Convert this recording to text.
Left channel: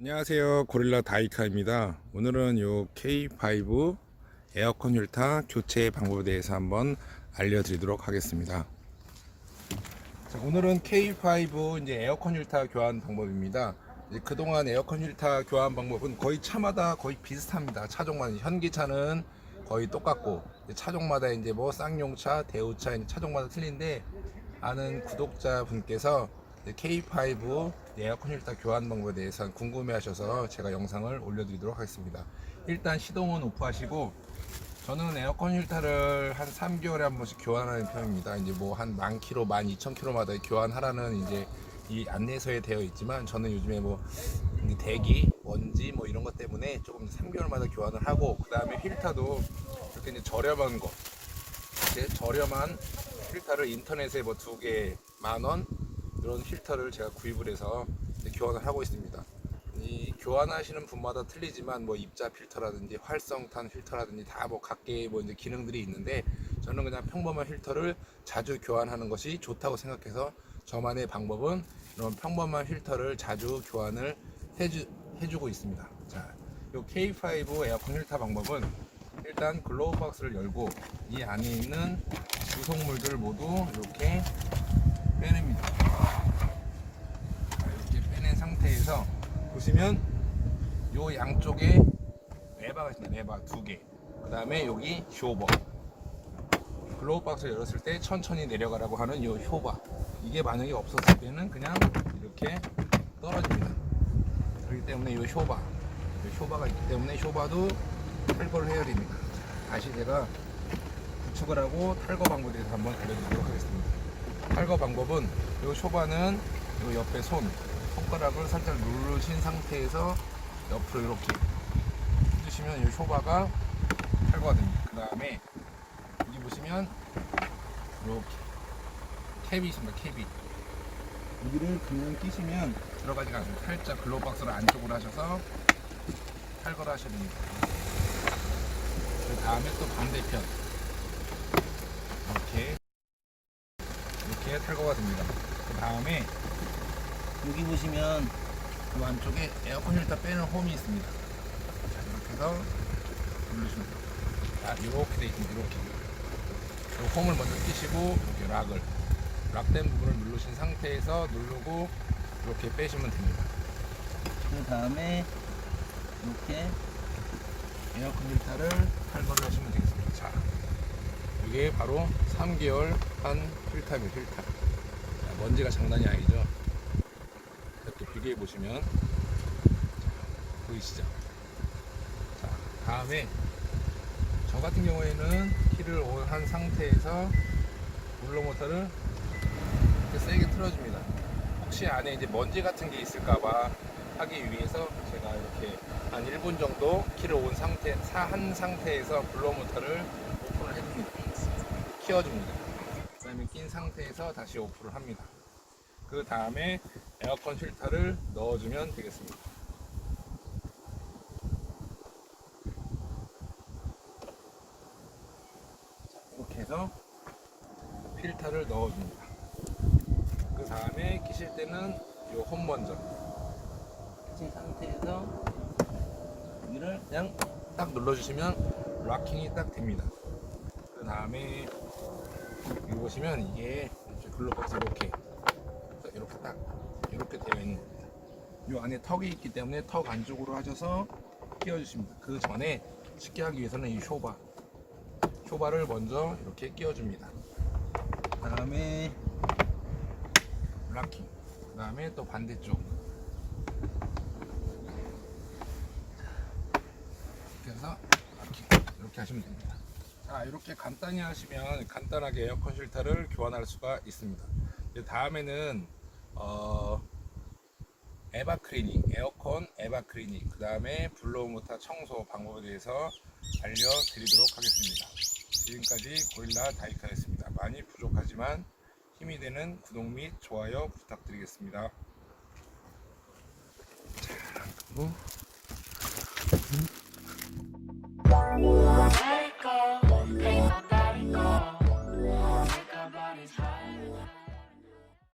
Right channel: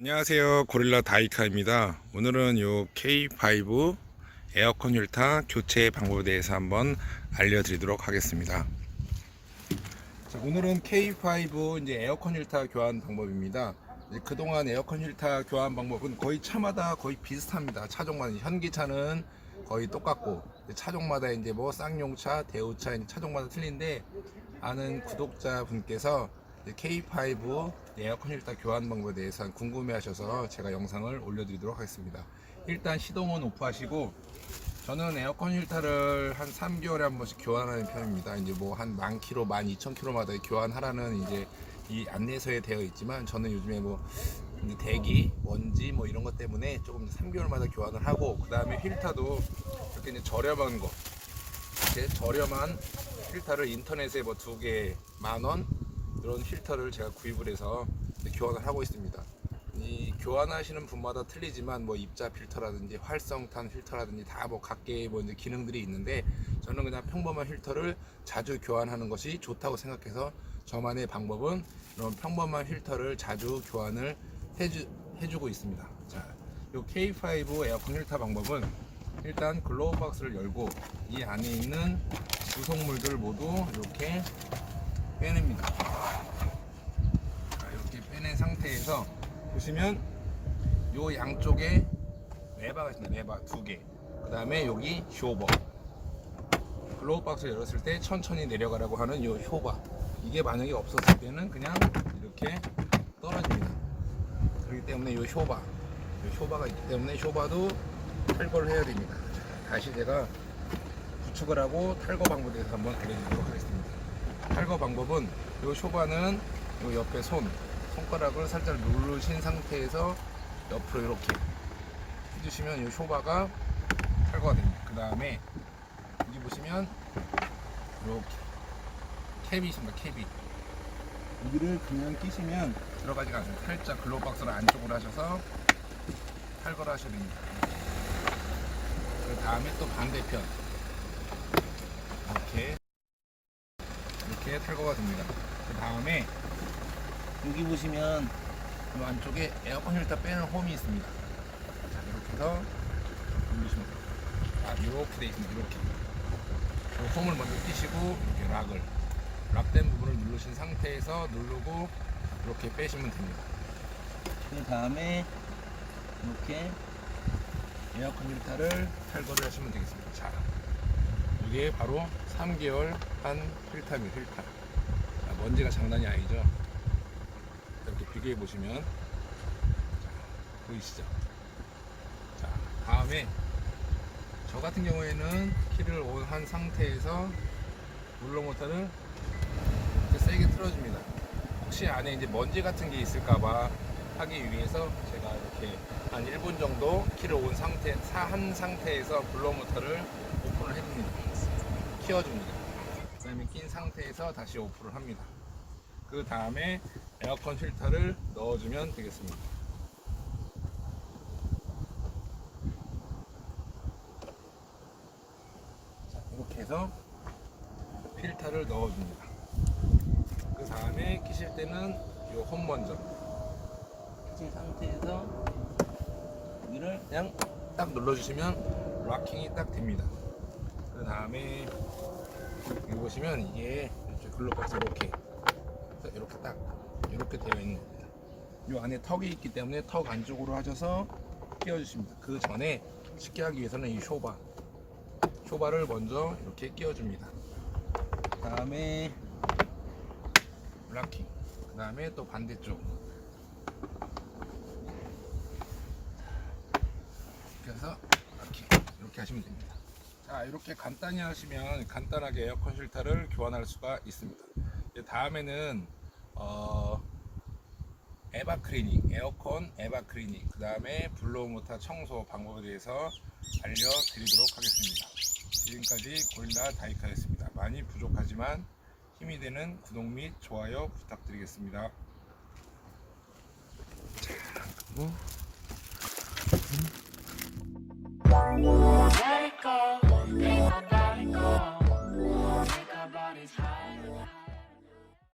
안녕하세요. 고릴라 다이카입니다. 오늘은 요 K5 에어컨 휠타 교체 방법에 대해서 한번 알려드리도록 하겠습니다. 자, 오늘은 K5 이제 에어컨 휠타 교환 방법입니다. 그동안 에어컨 휠타 교환 방법은 거의 차마다 거의 비슷합니다. 차종마다 현기차는 거의 똑같고 차종마다 이제 뭐 쌍용차 대우차 차종마다 틀린데 아는 구독자 분께서 K5 에어컨 힐터 교환 방법에 대해서 궁금해 하셔서 제가 영상을 올려드리도록 하겠습니다. 일단 시동은 오프하시고 저는 에어컨 힐터를 한 3개월에 한 번씩 교환하는 편입니다. 이제 뭐 한 만 킬로, 만 2천 킬로마다 교환하라는 이제 이 안내서에 되어 있지만 저는 요즘에 뭐 대기, 먼지 뭐 이런 것 때문에 조금 3개월마다 교환을 하고 그 다음에 힐터도 이렇게 이제 저렴한 거 이렇게 저렴한 필터를 인터넷에 뭐 두 개 만 원 이런 필터를 제가 구입을 해서 교환을 하고 있습니다. 이 교환하시는 분마다 틀리지만 뭐 입자 필터라든지 활성탄 필터라든지 다 뭐 각계의 뭐 이제 기능들이 있는데 저는 그냥 평범한 필터를 자주 교환하는 것이 좋다고 생각해서 저만의 방법은 이런 평범한 필터를 자주 교환을 해주, 해주고 있습니다. 자, 요 K5 에어컨 필터 방법은 일단 글로우 박스를 열고 이 안에 있는 구성물들을 모두 이렇게 빼냅니다. 이렇게 빼낸 상태에서 보시면 요 양쪽에 레바가 있습니다. 레바 두 개. 그 다음에 여기 쇼버. 글로우 박스 열었을 때 천천히 내려가라고 하는 요 효바. 이게 만약에 없었을 때는 그냥 이렇게 떨어집니다. 그렇기 때문에 요 효바. 요 효바가 있기 때문에 효바도 탈거를 해야 됩니다. 다시 제가 구축을 하고 탈거 방법에 대해서 한번 알려드리도록 하겠습니다. 탈거 방법은 이 쇼바는 이 옆에 손, 손가락을 살짝 누르신 상태에서 옆으로 이렇게 해주시면 이 쇼바가 탈거가 됩니다. 그 다음에 여기 보시면 이렇게 캡이 있습니다. 캡이 여기를 그냥 끼시면 들어가지가 않습니다. 살짝 글로박스를 안쪽으로 하셔서 탈거를 하셔야 됩니다. 그 다음에 또 반대편 이렇게 이렇게 탈거가 됩니다. 그 다음에 여기 보시면 이 안쪽에 에어컨 힐터 빼는 홈이 있습니다. 자 이렇게 해서 누르시면 돼요. 자 이렇게 돼 있습니다. 이렇게 이 홈을 먼저 끼시고 이렇게 락을 락된 부분을 누르신 상태에서 누르고 이렇게 빼시면 됩니다. 그 다음에 이렇게 에어컨 힐터를 탈거를 하시면 되겠습니다. 자, 이게 바로 3개월 한 필터입니다. 필터. 자, 먼지가 장난이 아니죠. 이렇게 비교해 보시면 자, 보이시죠? 자, 다음에 저 같은 경우에는 키를 온 한 상태에서 물로 모터를 이렇게 세게 틀어줍니다. 혹시 안에 이제 먼지 같은 게 있을까봐 하기 위해서 제가 이렇게 한 1분 정도 키를 온 상태, 사- 한 상태에서 블로 모터를 오픈을 해줍니다. 키워줍니다. 그 다음에 낀 상태에서 다시 오픈을 합니다. 그 다음에 에어컨 필터를 넣어주면 되겠습니다. 자, 이렇게 해서 필터를 넣어줍니다. 그 다음에 끼실 때는 요홈 먼저 끼신 상태에서 여기를 그냥 딱 눌러주시면 락킹이 딱 됩니다. 그 다음에 여기 보시면 이게 이렇게 글로박스 이렇게 그래서 이렇게 딱 이렇게 되어 있는 겁니다. 이 안에 턱이 있기 때문에 턱 안쪽으로 하셔서 끼워주십니다. 그 전에 쉽게 하기 위해서는 이 쇼바 쇼바를 먼저 이렇게 끼워줍니다. 그 다음에 락킹 그 다음에 또 반대쪽 해서 락킹 이렇게 하시면 됩니다 자 이렇게 간단히 하시면 간단하게 에어컨 실타를 교환할 수가 있습니다. 다음에는 어, 에바 클리닝 에어컨 에바 클리닝 그 다음에 블로우 모터 청소 방법에 대해서 알려드리도록 하겠습니다. 지금까지 고릴라 다이카였습니다. 많이 부족하지만 힘이 되는 구독 및 좋아요 부탁드리겠습니다. Let